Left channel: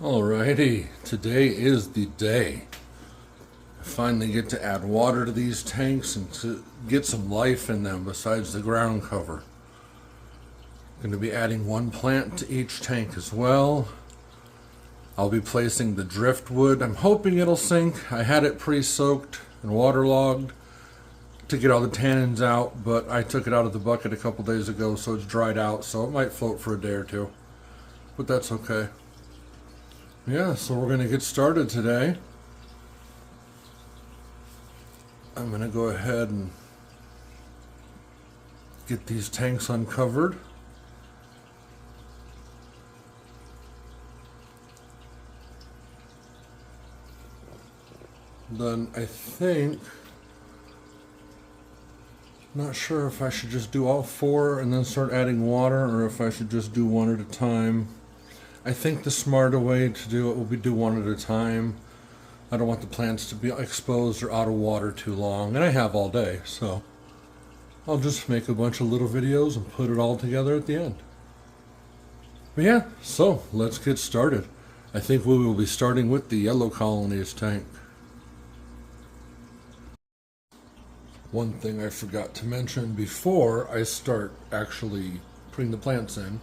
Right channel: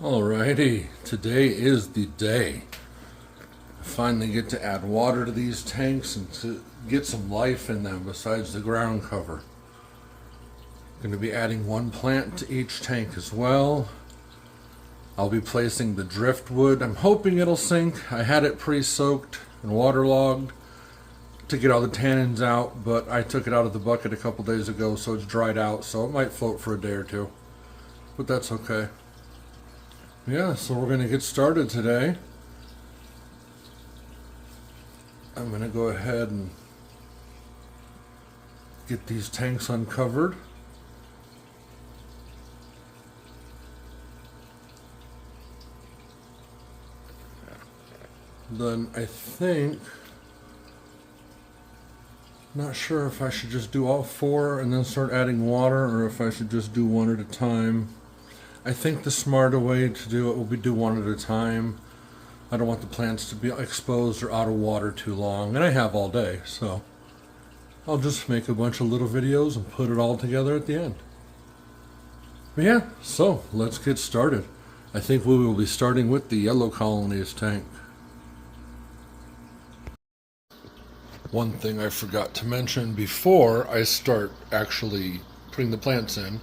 Alrighty, today is the day. I finally get to add water to these tanks and to get some life in them besides the ground cover. Going to be adding one plant to each tank as well. I'll be placing the driftwood. I'm hoping it'll sink. I had it pre-soaked and waterlogged to get all the tannins out, but I took it out of the bucket a couple days ago, so it's dried out, so it might float for a day or two. But that's okay. Yeah, so we're going to get started today. I'm going to go ahead and get these tanks uncovered. Then I think, not sure if I should just do all four and then start adding water, or if I should just do one at a time. I think the smarter way to do it will be do one at a time. I don't want the plants to be exposed or out of water too long, and I have all day, so I'll just make a bunch of little videos and put it all together at the end. But yeah, so let's get started. I think we will be starting with the yellow colonies tank. One thing I forgot to mention before I start actually putting the plants in,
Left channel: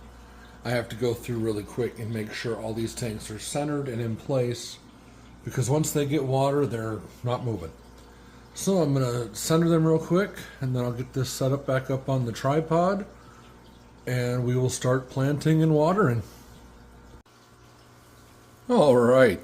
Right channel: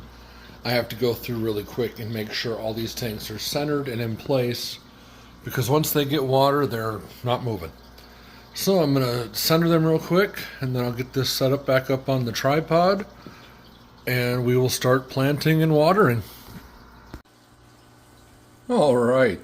I have to go through really quick and make sure all these tanks are centered and in place, because once they get water, they're not moving. So I'm going to center them real quick, and then I'll get this set up back up on the tripod, and we will start planting and watering. All right.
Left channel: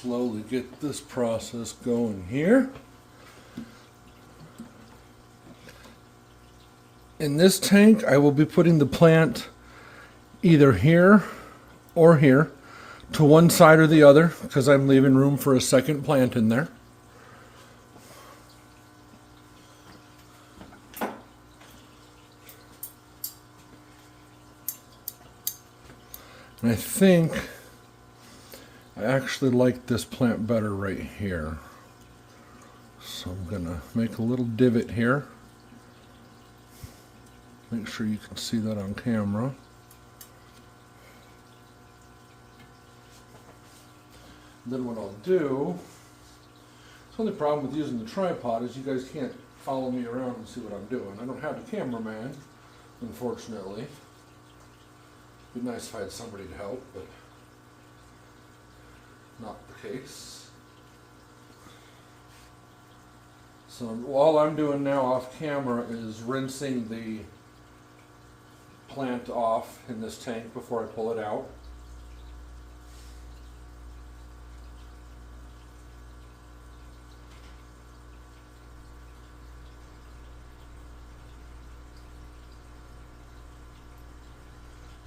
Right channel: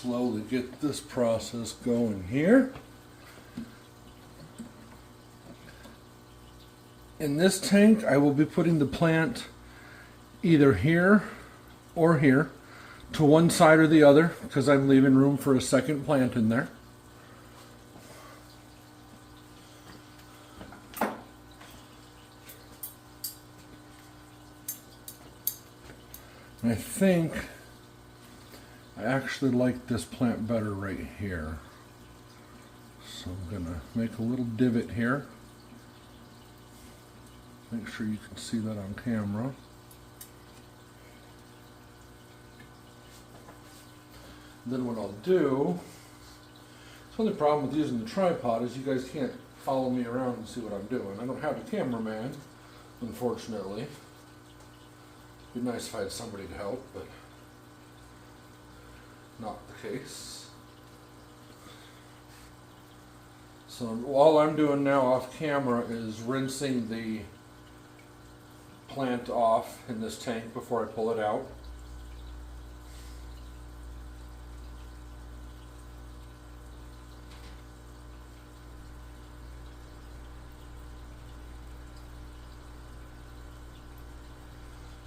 Slowly get this process going here. In this tank, I will be putting the plant either here or here, to one side or the other, because I'm leaving room for a second plant in there. And I think I actually like this plant better right here. So I'm gonna make a little divot here. Make sure you can see that on camera. Then what I'll do, the only problem with using the tripod is you guys can't follow me around and see what I'm doing. I don't have a cameraman, unfortunately. It'd be nice if I had somebody to help, but not the case. So all I'm doing now off camera is rinsing the plant off in this tank before I pull it out.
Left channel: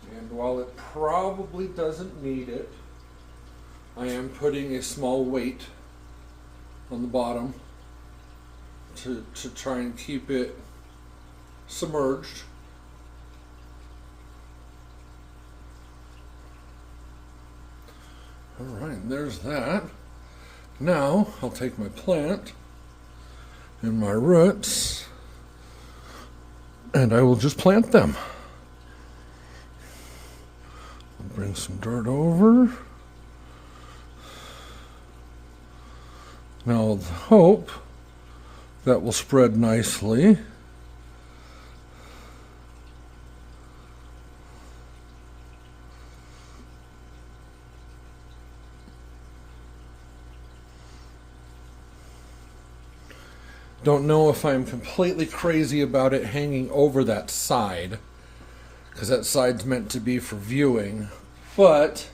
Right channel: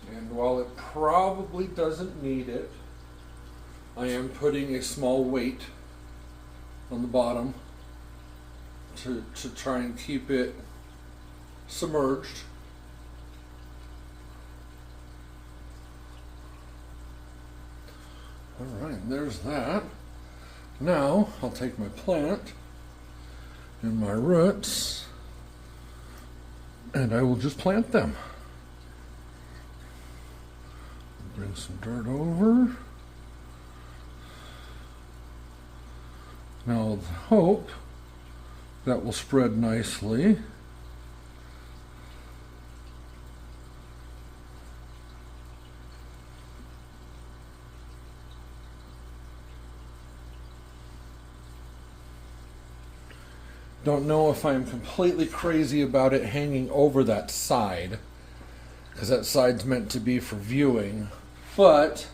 And while it probably doesn't need it, I am putting a small weight on the bottom to try and keep it submerged. Alright, there's that. Now I'll take my plant and my roots and I will just plant them. Bring some dirt over. Now with hope that will spread nicely. Don't know if I'm completely crazy about it hanging over that side, because that side's meant to be for viewing, but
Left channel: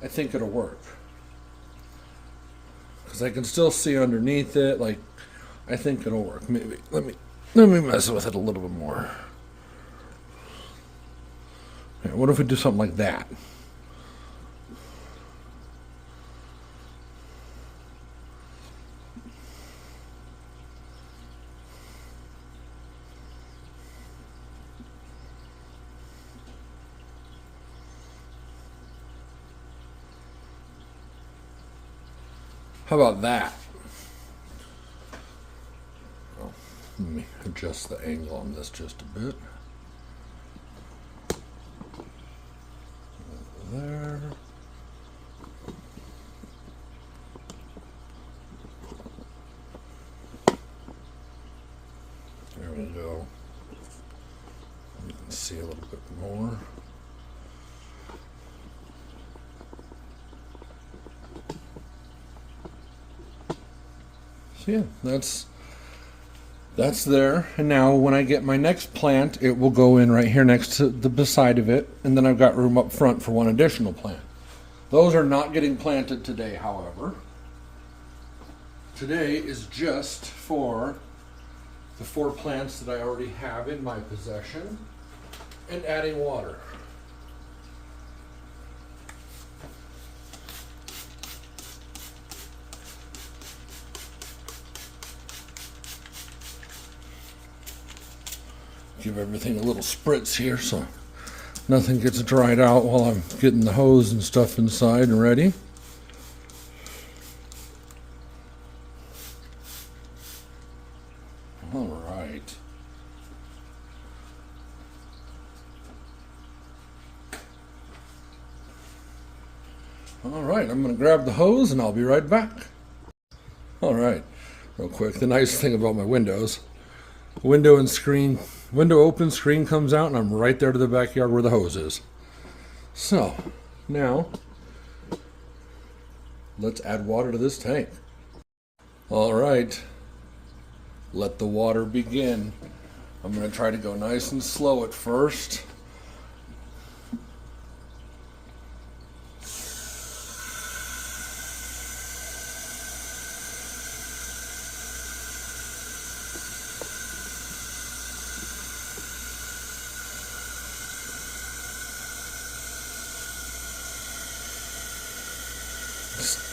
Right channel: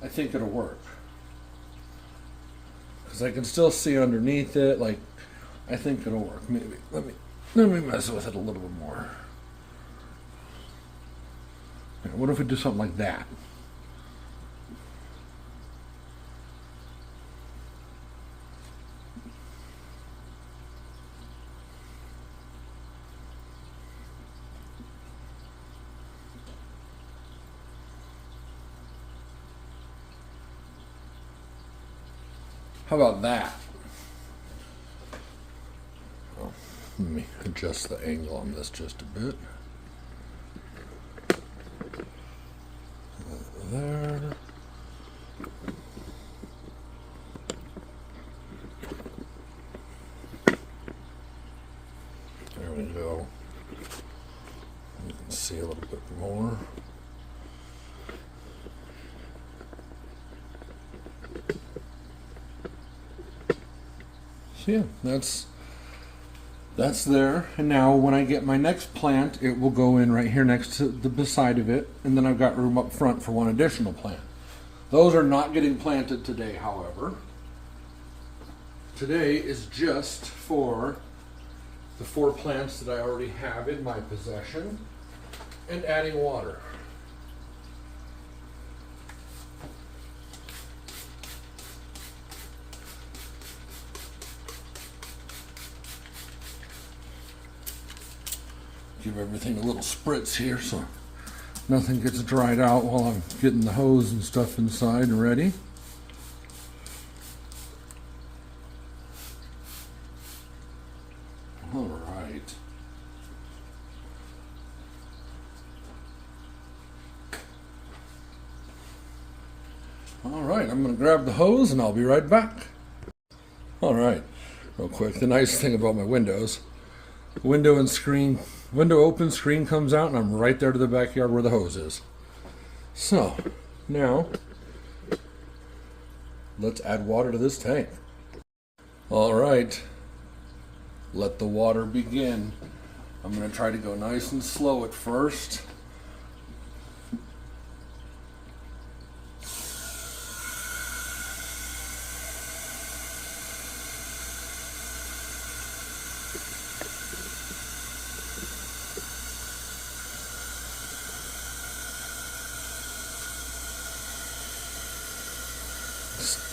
I think it'll work. Because I can still see underneath it, like, I think it'll work. Maybe, let me mess with it a little bit more. Okay, what if we do something like that? How about that? Oh, let me adjust the angle on this just a bit. Over there. There we go. You can see a little bit more. So yeah, that's there. And now when I get my next plant, it will go in right here next to the beside of it, and then I've got room up front for one additional plant. Those are not getting planted today, however. Today is just for the 4 plants that I already have in my possession and adding water. Give everything a little spritz here so nothing gets dried out while I'm getting the hose and stuff inside and ready. All right. All right, I'm going to grab the hose and I'll be right back. All right, real quick. The nice thing about my windows, window open, screen comes out, and I'm right there to the backyard where the hose is. So, now, let's add water to this tank. All right, let the water begin. I'm going to try to go nice and slow at first.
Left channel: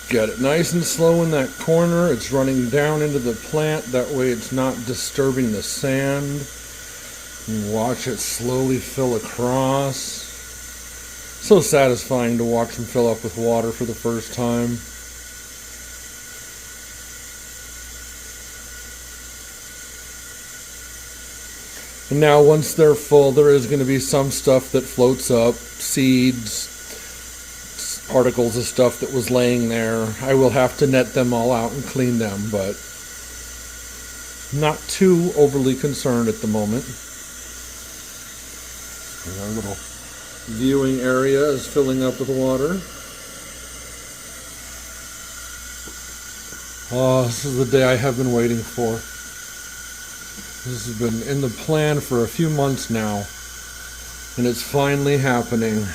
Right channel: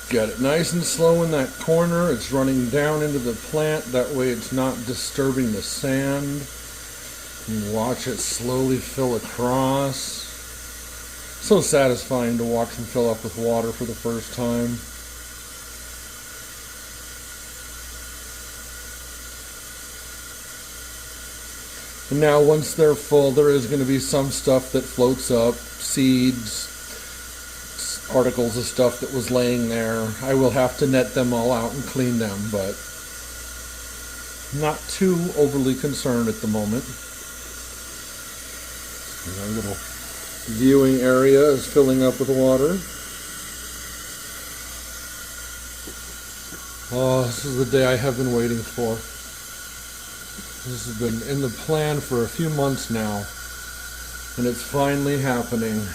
Get it nice and slow in that corner. It's running down into the plant. That way it's not disturbing the sand. And watch it slowly fill across. So satisfying to watch them fill up with water for the first time. And now once they're full, there is going to be some stuff that floats up. Seeds, particles of stuff that was laying there. I will have to net them all out and clean them, but not too overly concerned at the moment. And our little viewing area is filling up with water. Oh, this is the day I have been waiting for. This has been in the plan for a few months now, and it's finally happening.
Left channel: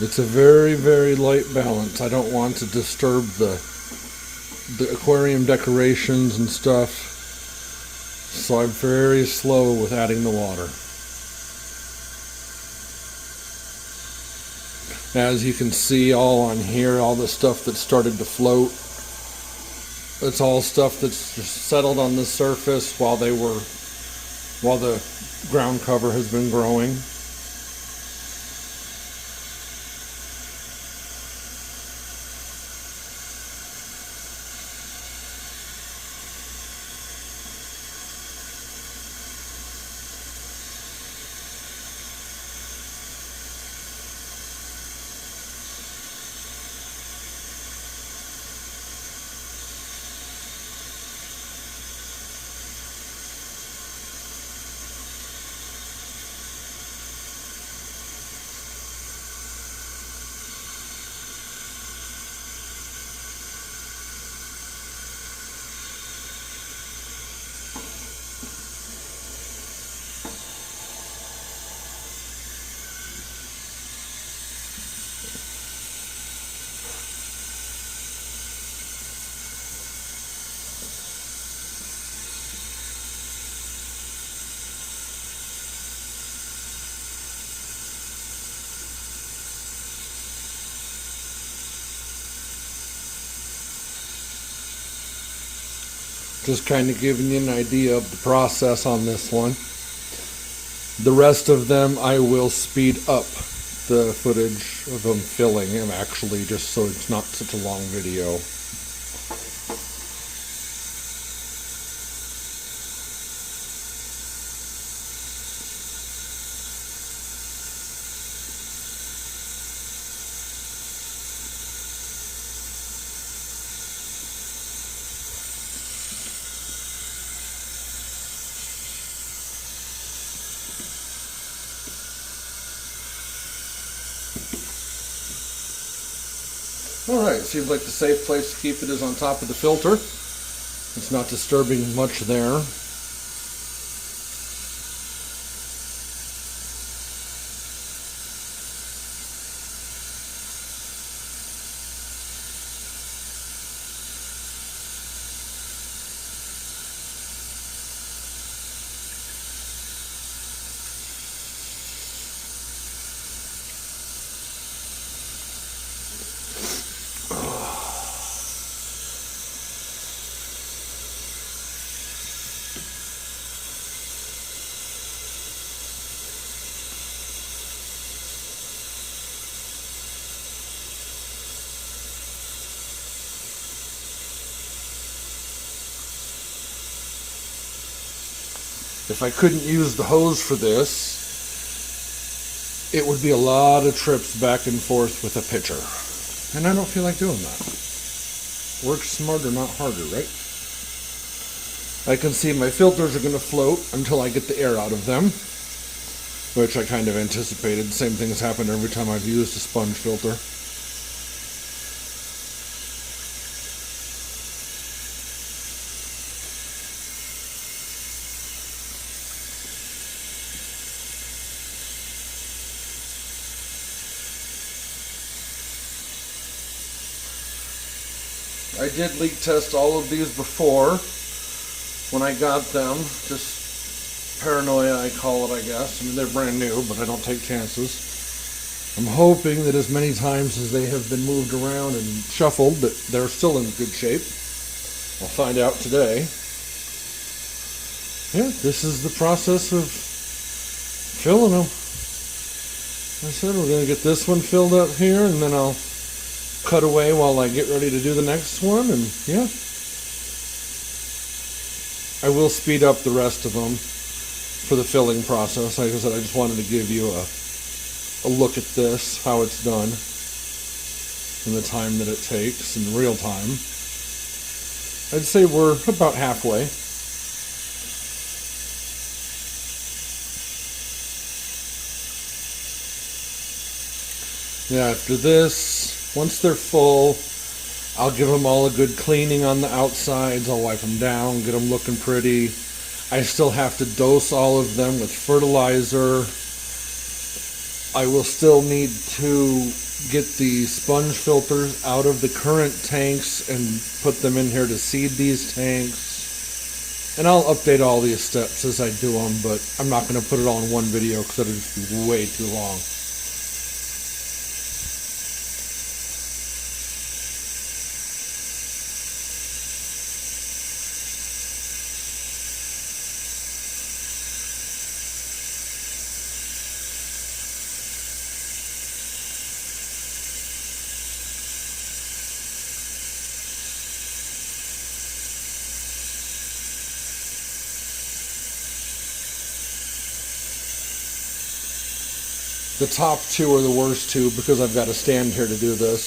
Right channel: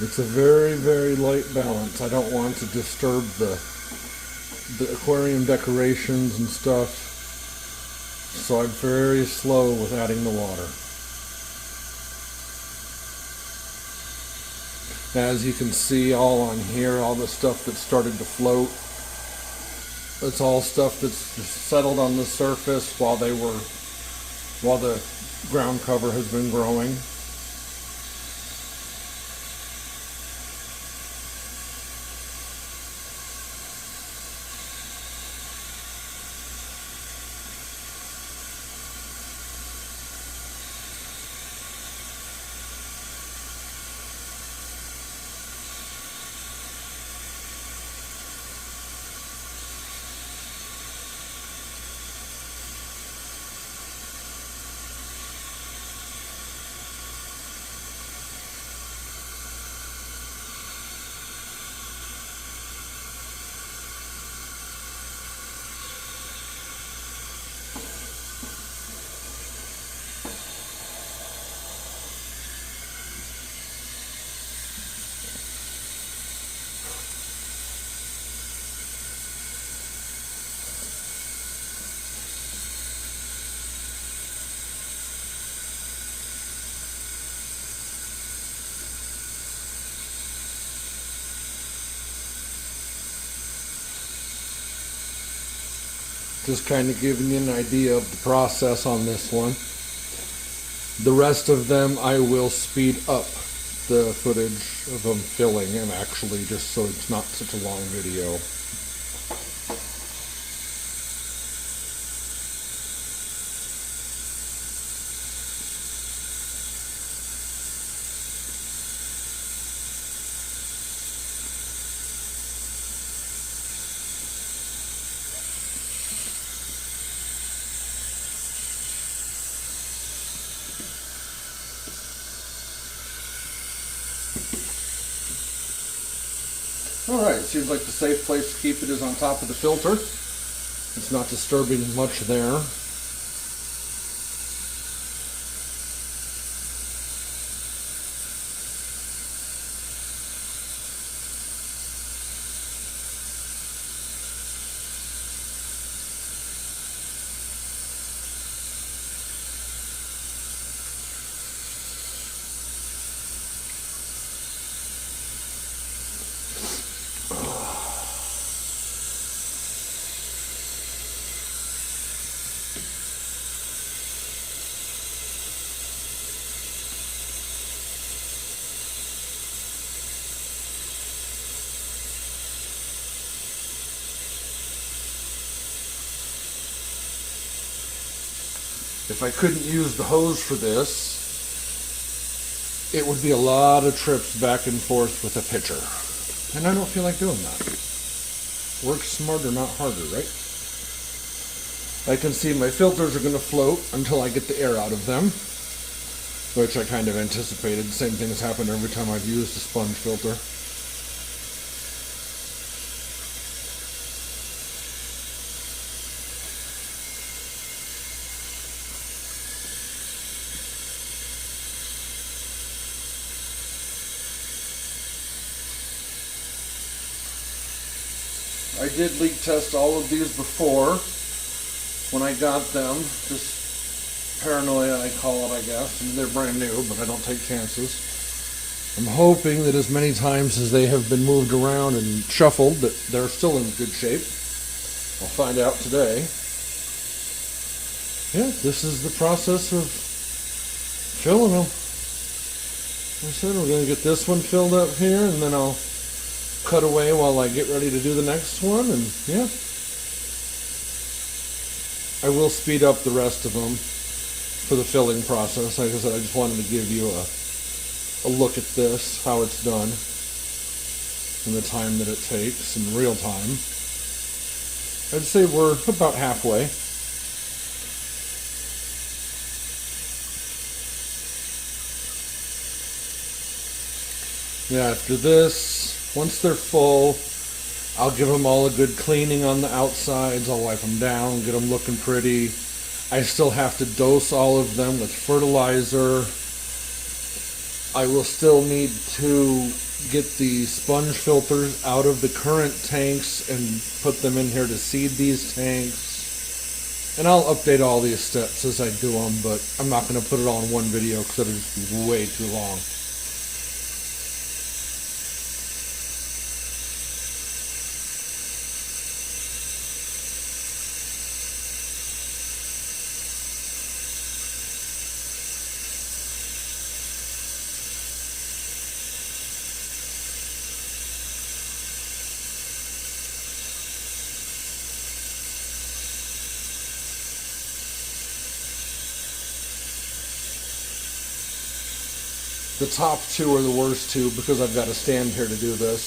It's a very, very light balance. I don't want to disturb the aquarium decorations and stuff, so I'm very slow with adding the water. As you can see all on here, all the stuff that started to float, it's all stuff that's just settled on the surface while the ground cover has been growing. Just kind of giving you an idea of the process on this one. The rest of them I will speed up the footage of them filling, and actually just so it's not such a long video. Alright, seems like the safe place to keep it is on top of the filter. It's not disturbing much there. If I couldn't use the hose for this, it would be a lot of trips back and forth with a pitcher. And I don't feel like doing that. Work smarter, not harder, right? I can see my filters are going to float until I get the air out of them, which I kind of anticipated. The same thing has happened every time I've used a sponge filter. I did leak test all of these before when I got them. Just paranoia, I call it, I guess. I mean, they're brand new, but I don't take chances. I'm hoping that as many times as they have been moved around and shuffled, that they're still in good shape. I'll find out today. Yeah, this is the process of filling them. Like I said, we're going to get this one filled up here, and then I'll cut away while I get ready to do the next one, and yeah. I will speed up the rest of them for the filling process. Like I said, I just wanted to give you a look at this, how it's done, and the time that it takes in real time. I'd say we're about halfway. Yeah, after this, once they're full, I'll give them all a good cleaning on the outsides. I'll wipe them down, get them looking pretty. I still have to dose all of them with fertilizer. I will still need to get the sponge filters out of the current tanks and put them in here to seed these tanks. And I'll update all these steps as I do them, but I'm not going to put it all in one video because it'll just be way too long. The top two are the worst two because I've got to stand here to do this.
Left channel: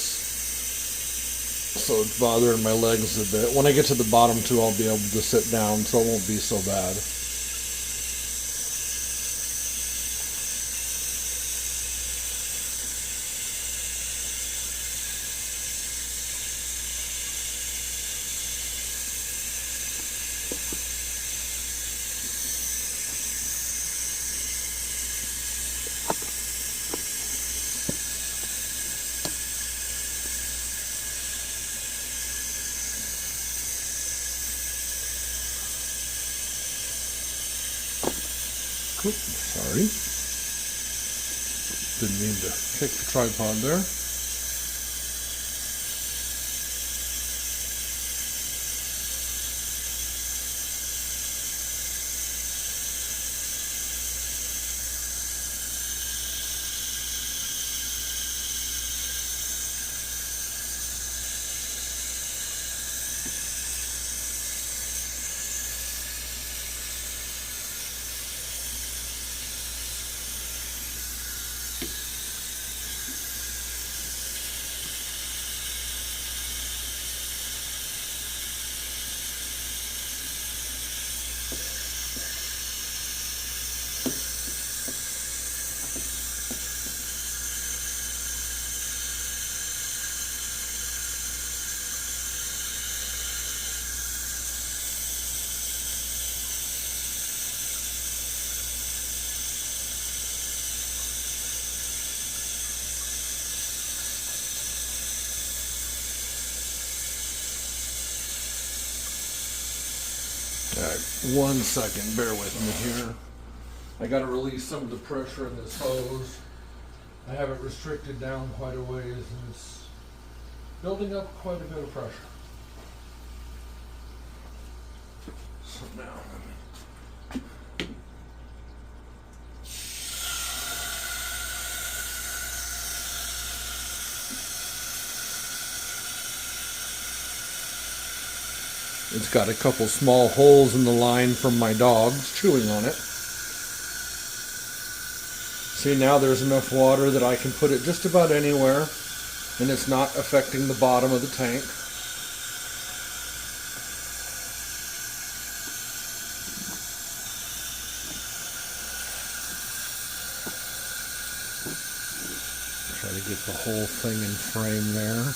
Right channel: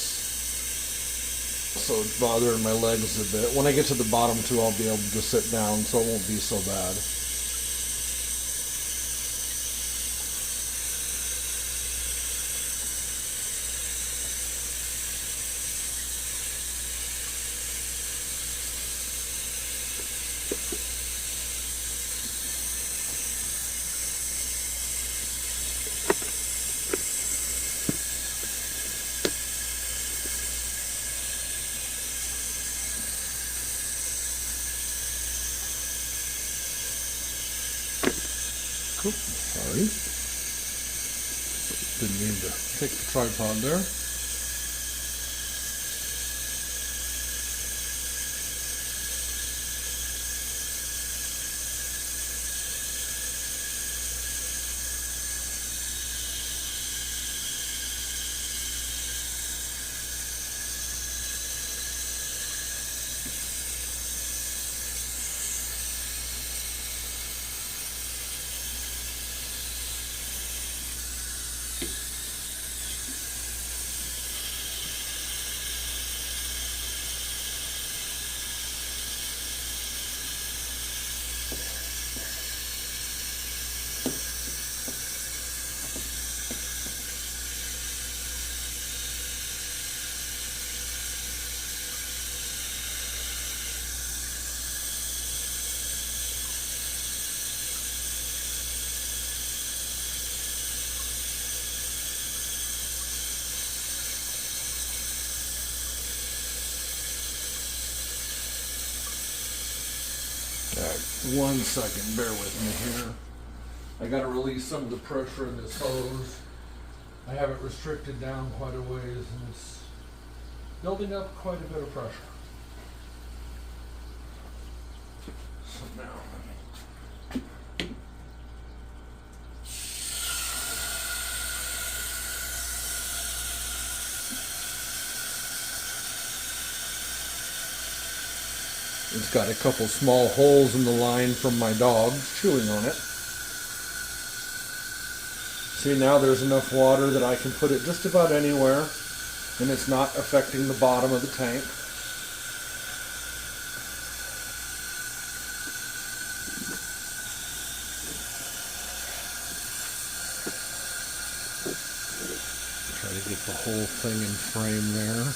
So it's bothering my legs a bit. When I get to the bottom two, I'll be able to sit down, so it won't be so bad. Oops, sorry. Didn't mean to hit the tripod there. right, 1 second, bear with me here. I gotta release some of the pressure in this hose. I have it restricted down quite a ways and it's building up quite a bit of pressure. So now, it's got a couple small holes in the line from my dogs chewing on it. See, now there's enough water that I can put it just about anywhere and it's not affecting the bottom of the tank. Try to get the whole thing in frame there.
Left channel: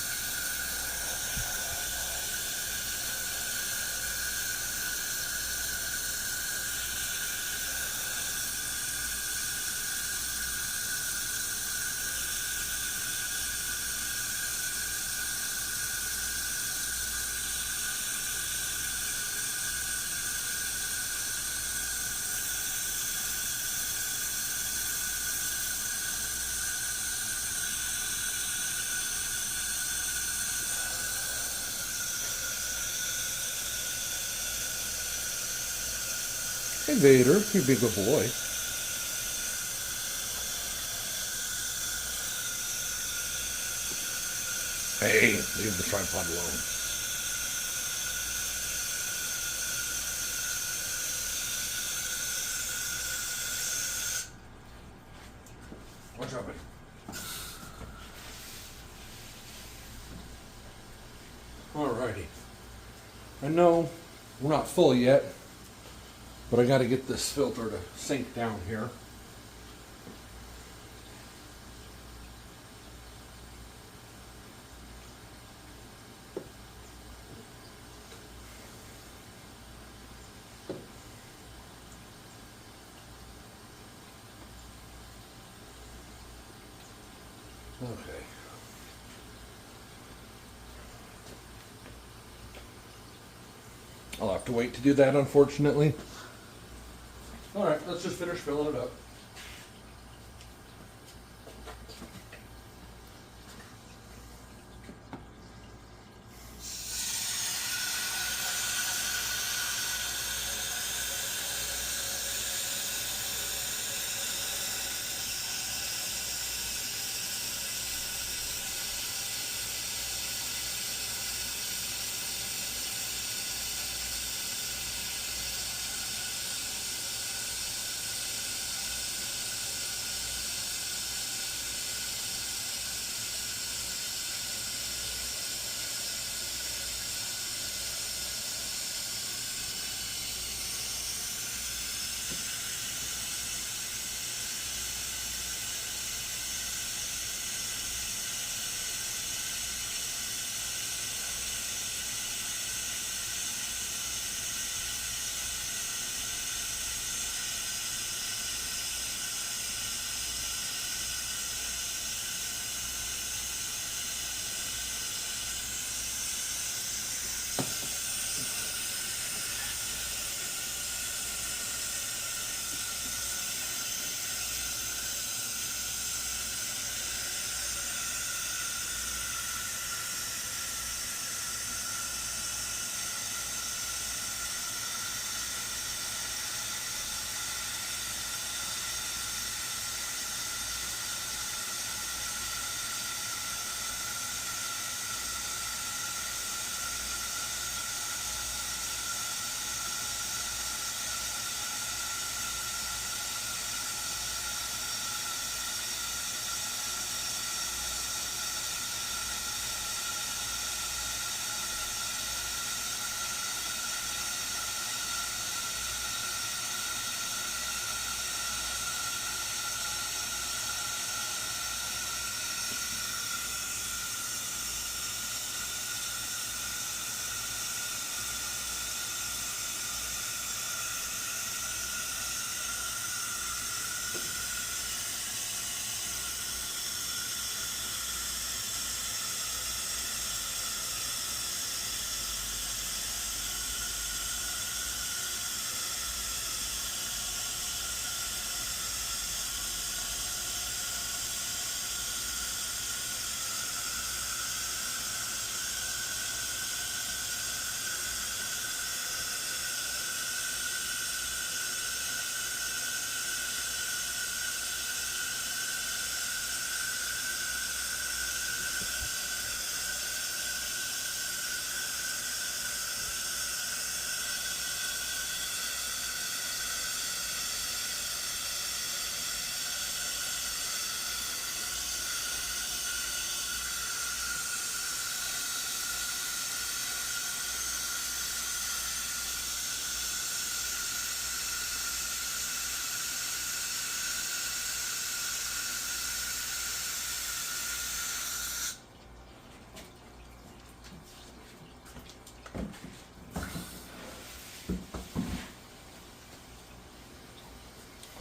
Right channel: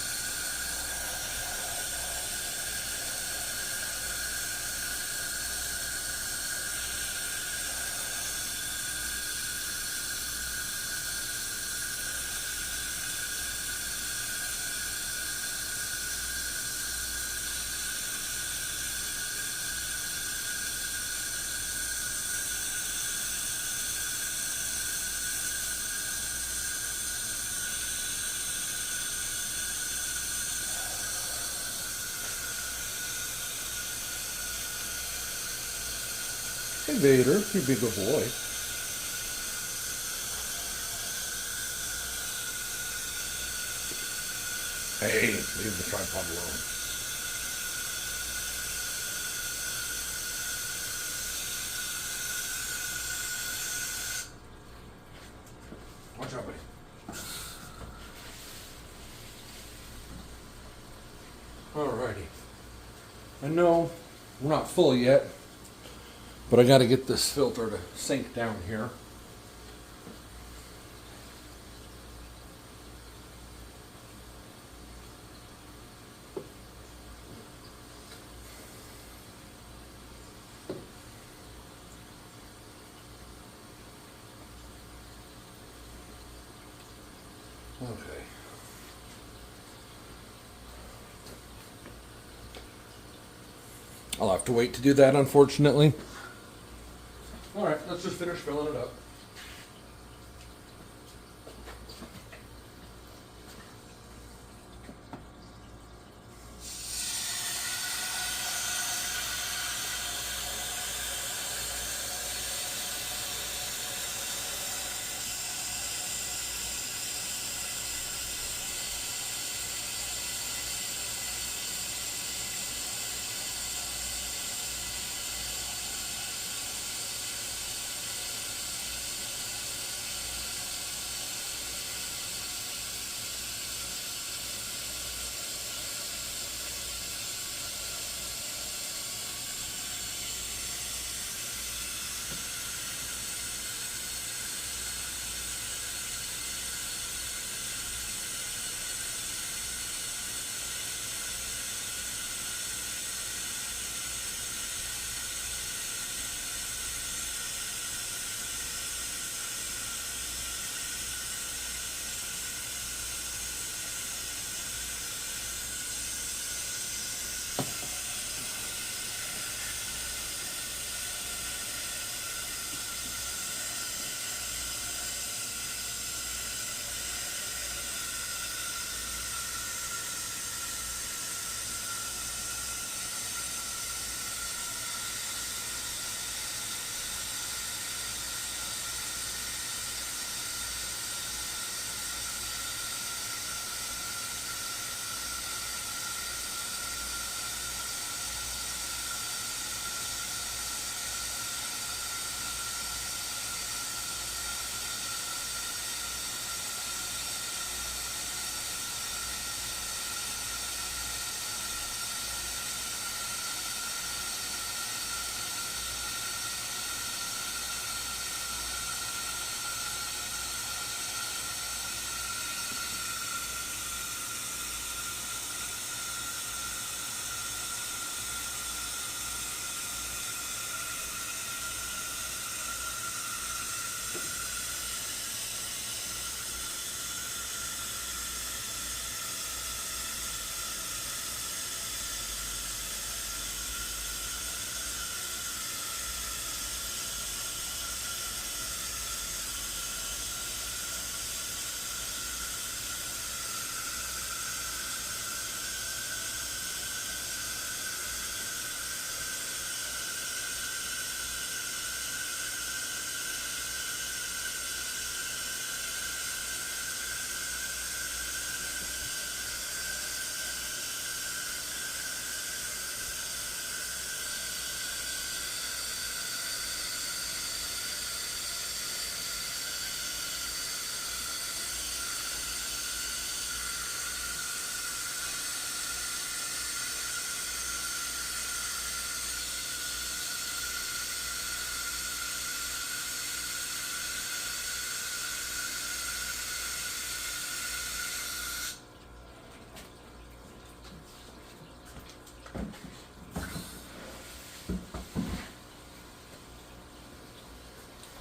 Hey Vader, you be a good boy. Hey, leave the tripod alone. What's up, buddy? Alrighty. I know we're not full yet, but I got to get this filter to sink down here. Okay. I'll have to wait to do that, unfortunately. All right, let's just finish filling it up.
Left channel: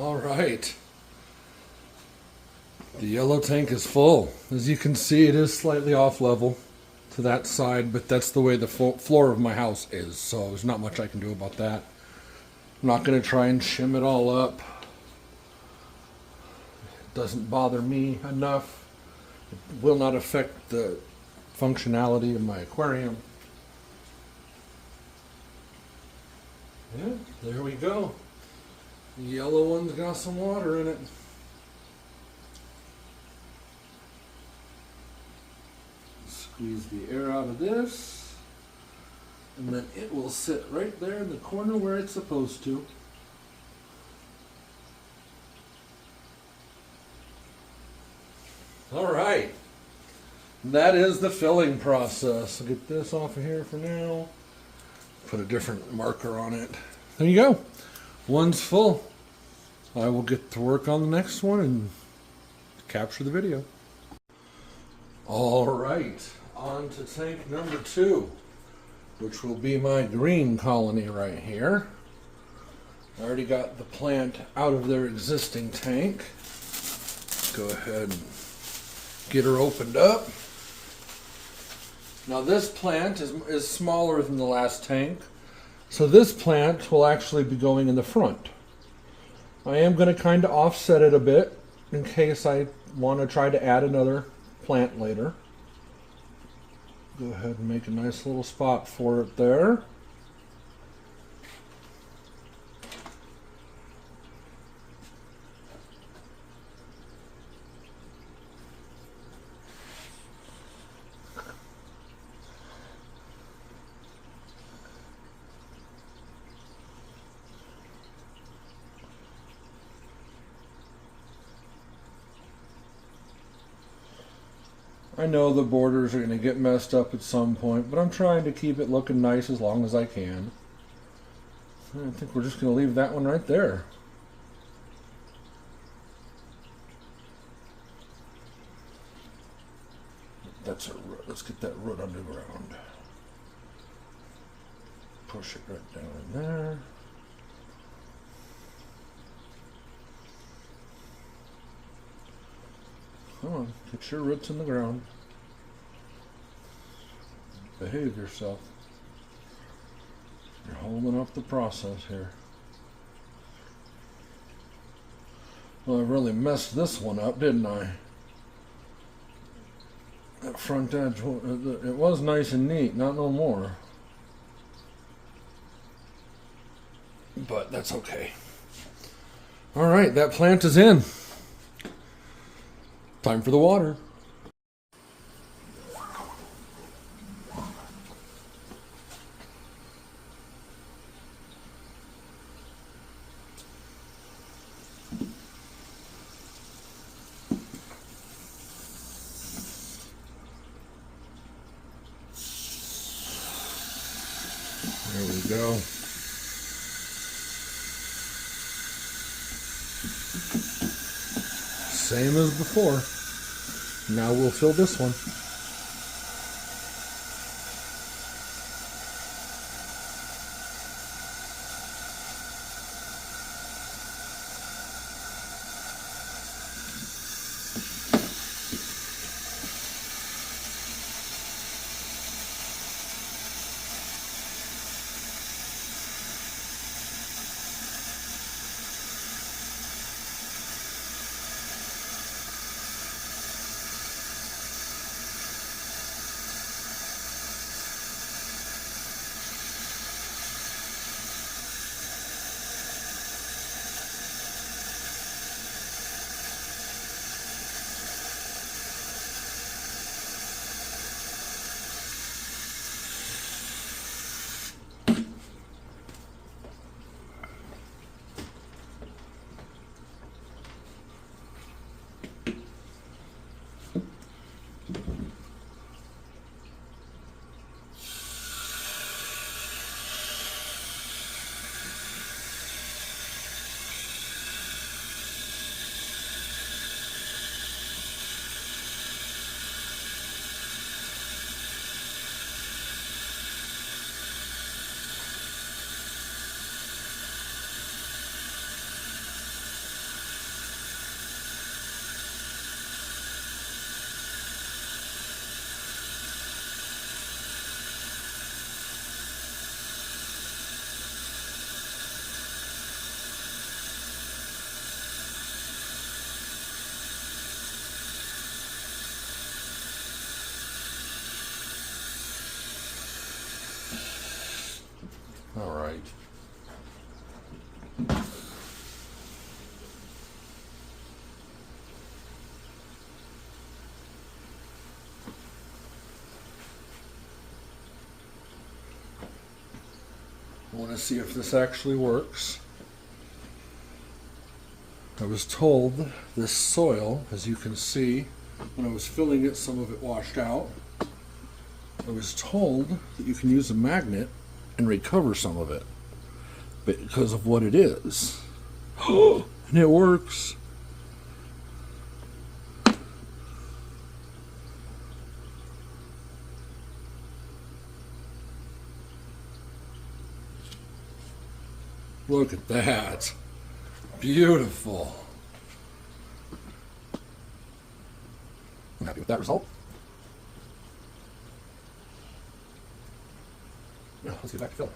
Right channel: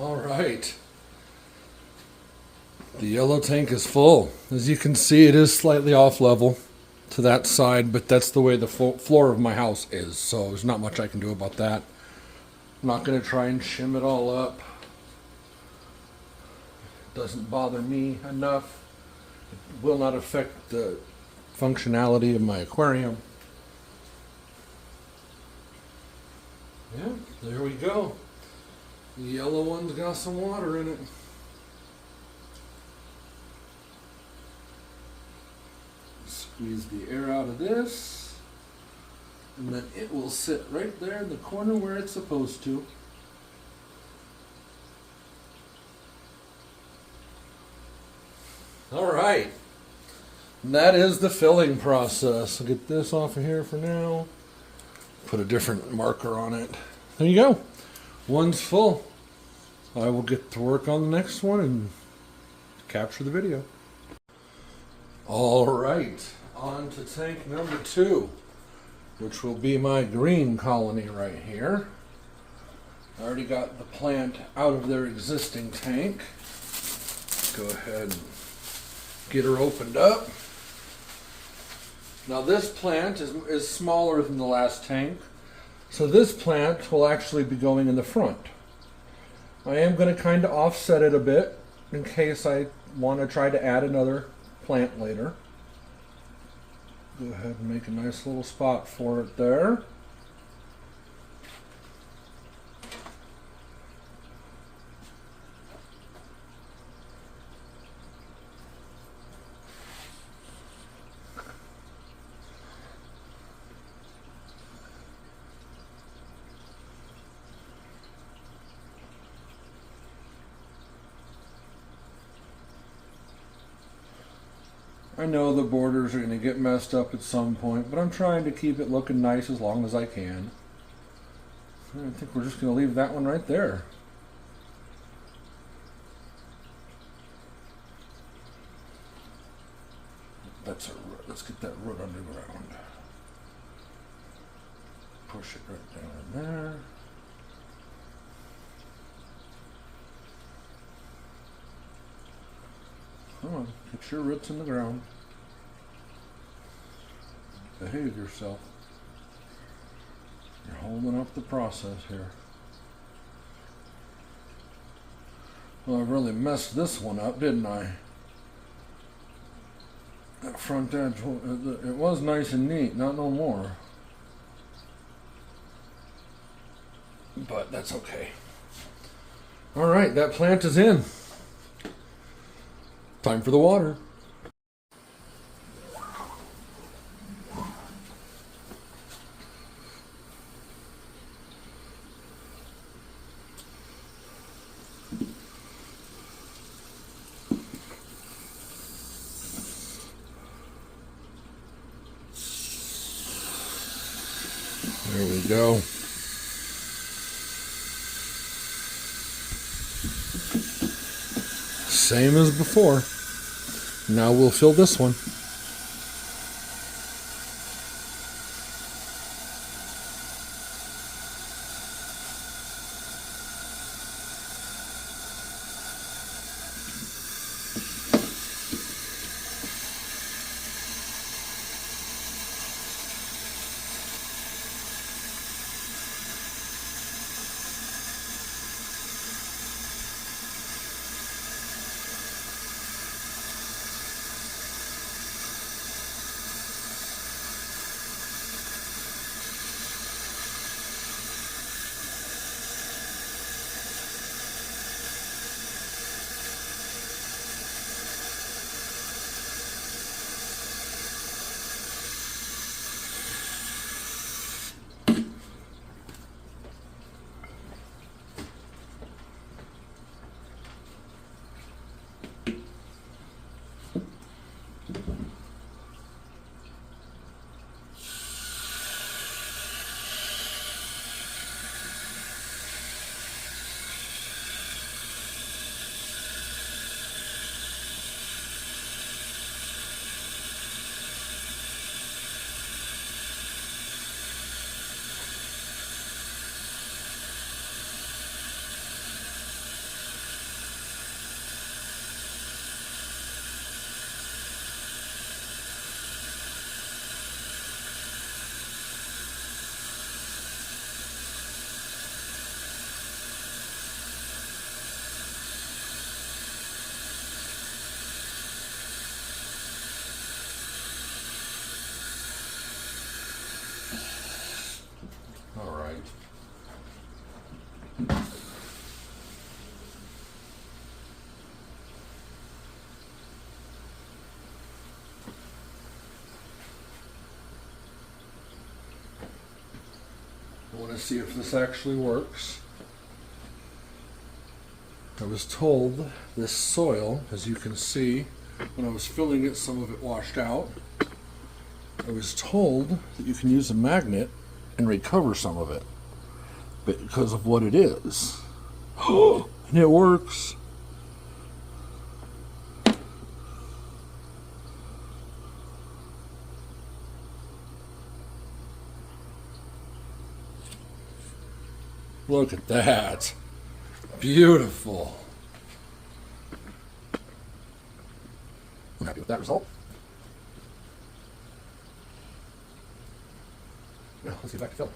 All right. The yellow tank is full. As you can see, it is slightly off level to that side, but that's the way the floor of my house is, so there's not much I can do about that. I'm not going to try and shim it all up. It doesn't bother me enough. It will not affect the functionality of my aquarium. Yeah, there we go. The yellow one's got some water in it. Squeeze the air out of this, and then it will sit right there in the corner where it's supposed to. All right, and that is the filling process. I'll get this off of here for now. Put a different marker on it. There you go. One's full. I will get to work on the next one and capture the video. All right, on to tank number 2, which will be my green colony right here. I already got the plant out of their existing tank. Go ahead and get her opened up. Now this plant is smaller than the last tank, so this plant will actually be going in the front. I am going to kind of offset it a bit in case I want to try to add another plant later. Go ahead and make a nice little spot for it there. I know the borders are going to get messed up at some point, but I'm trying to keep it looking nice as long as I can. I think we're just going to leave that one right there. That's a root. Let's get that root underground. Push it right down in there. Come on, get your roots in the ground. Behave yourself. You're holding up the process here. Well, I really messed this one up, didn't I? That front edge, it was nice and neat, not no more. But that's okay. All right, that plant is in. Time for the water. There we go. Same as before. Now we'll fill this one. want to see if this actually works. I was told this soil, as you can see, when I was filling it, some of it washed out. I was told that you can use a magnet and recover some of it because of what it is. And it works. Look at that. Beautiful. I'm happy with that result. Yeah, let's get back to filling.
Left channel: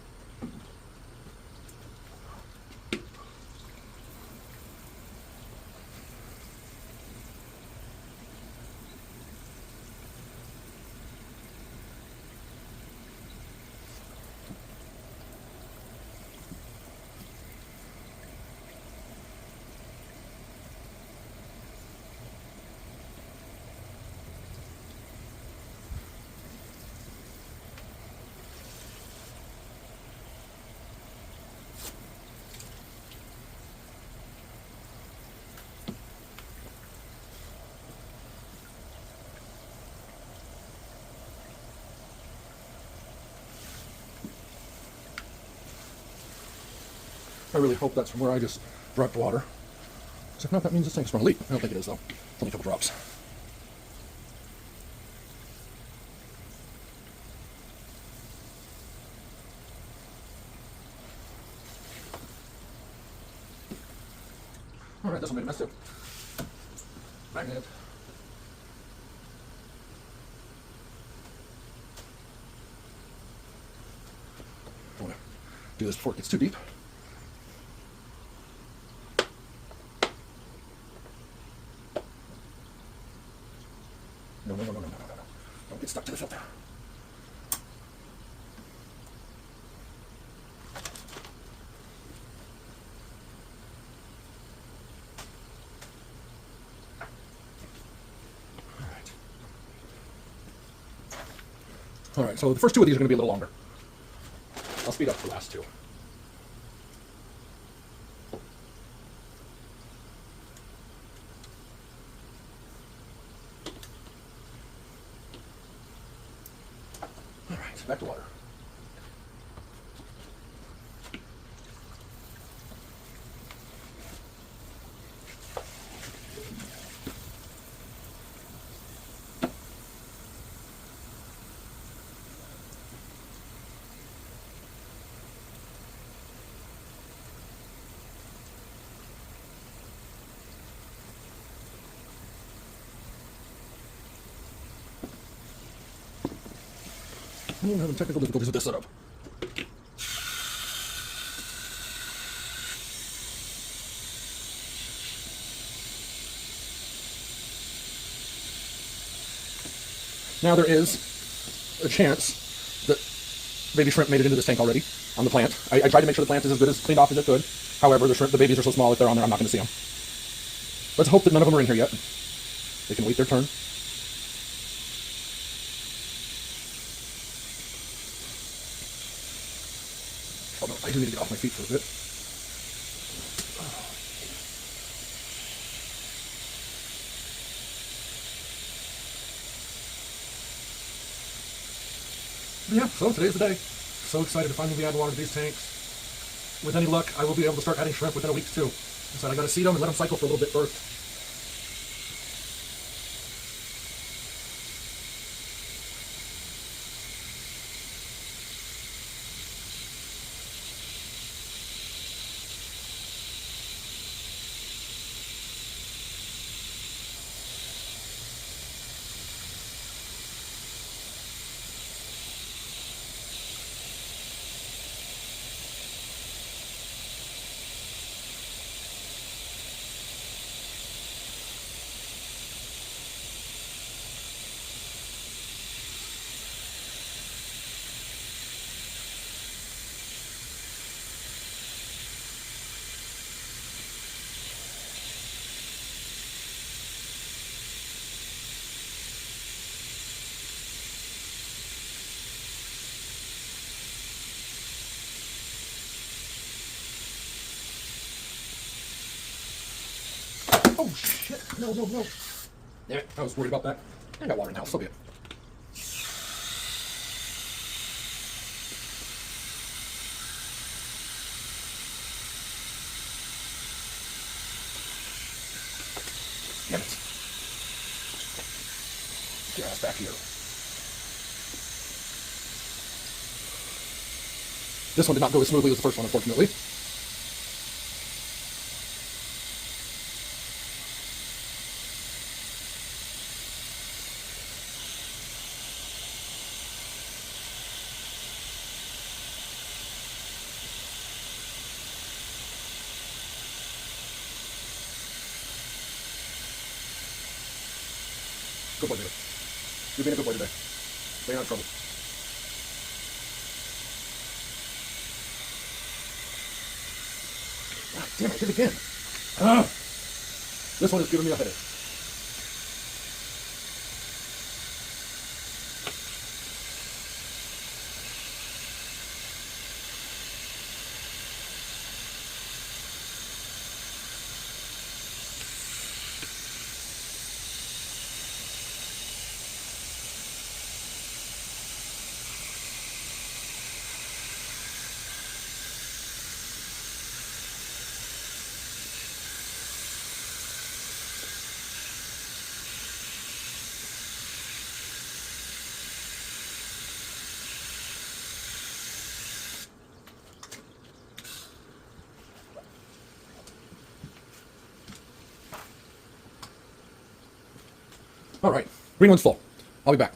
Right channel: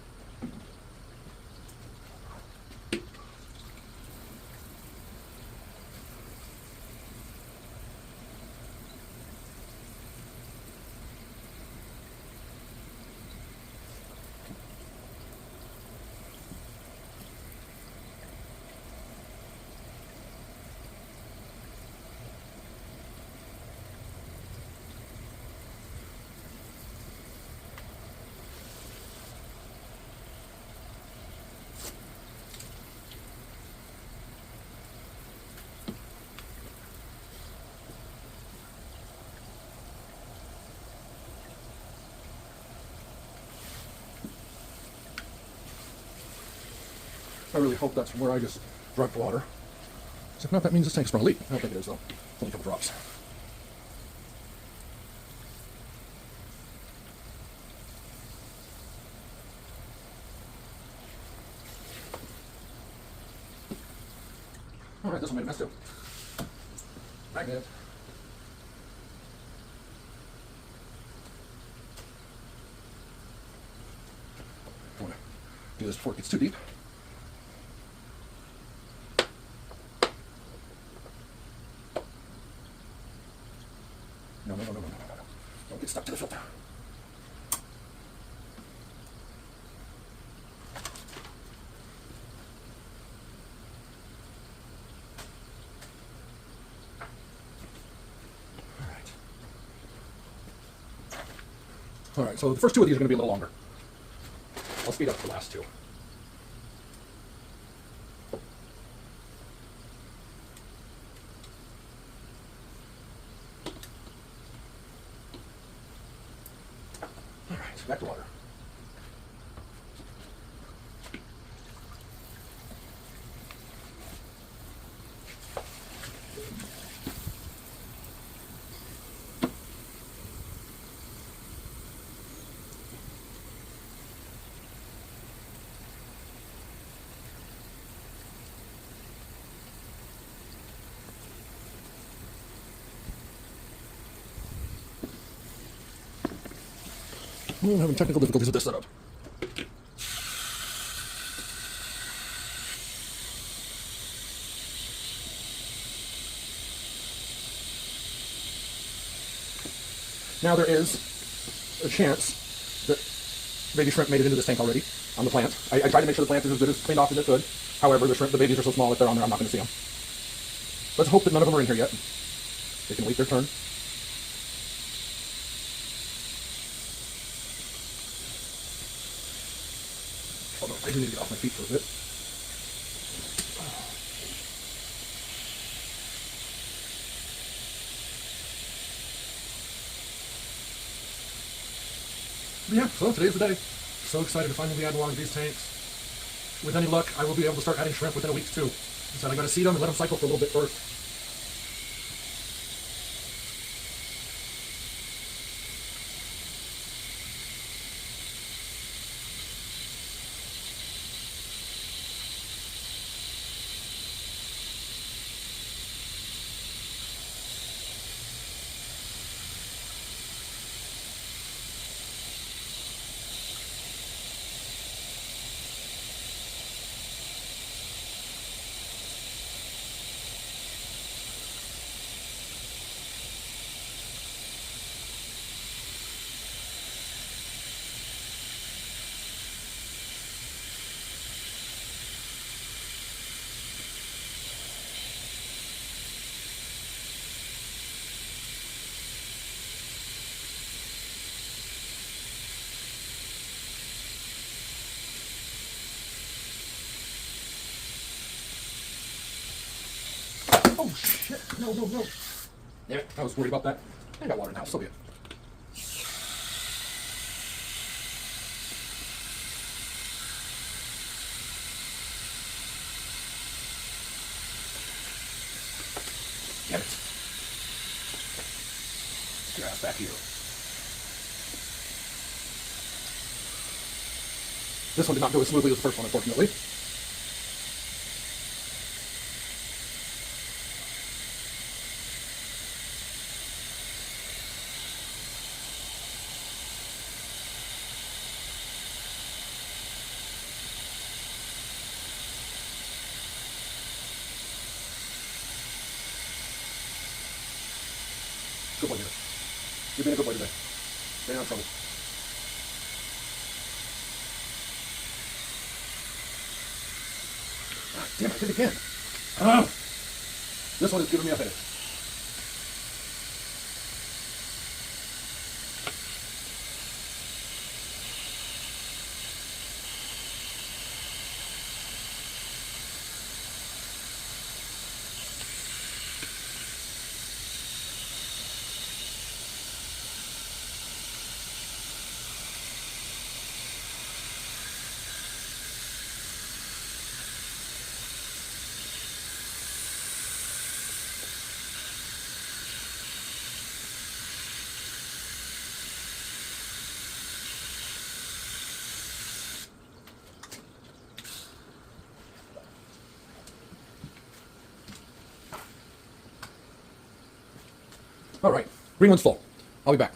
I really hope that's from where I just dropped water. So if not, that means this tank's from a leak. I don't think it is, though. It's only a couple drops. All right, this one made a mess too. Magnet. Don't want to do this before it gets too deep. No. Don't get stuck to the filter. All right, so the first two of these are going to be a little longer. I'll speed up the last two. All right, back to water. I'm having technical difficulties with this setup. Now there is a chance that baby shrimp made it into this tank already on the plant. I tried to make sure the plant is as good as cleaned off as it could. However, the babies are so small if they're on there, I'm not going to see them. Let's hope that none of them are in here yet. They can wait their turn. Oh, no, I do need to get off my feet for a bit. But yeah, so today's the day. So excited to finally be adding water to these tanks. With any luck, I will be able to start adding shrimp within a week too. So I got to seed them and let them cycle for a little bit first. Oh, shit. No, no, no. Damn it. I was worried about that. I got water in the house. So be it. Damn it. Get your ass back here. This one did not go as smoothly as the first one, unfortunately. Good boy, baby. You're being a good boy today. Staying out of trouble. God damn it, hit again. This one is giving me a headache. All right, green one's full. I'll be back.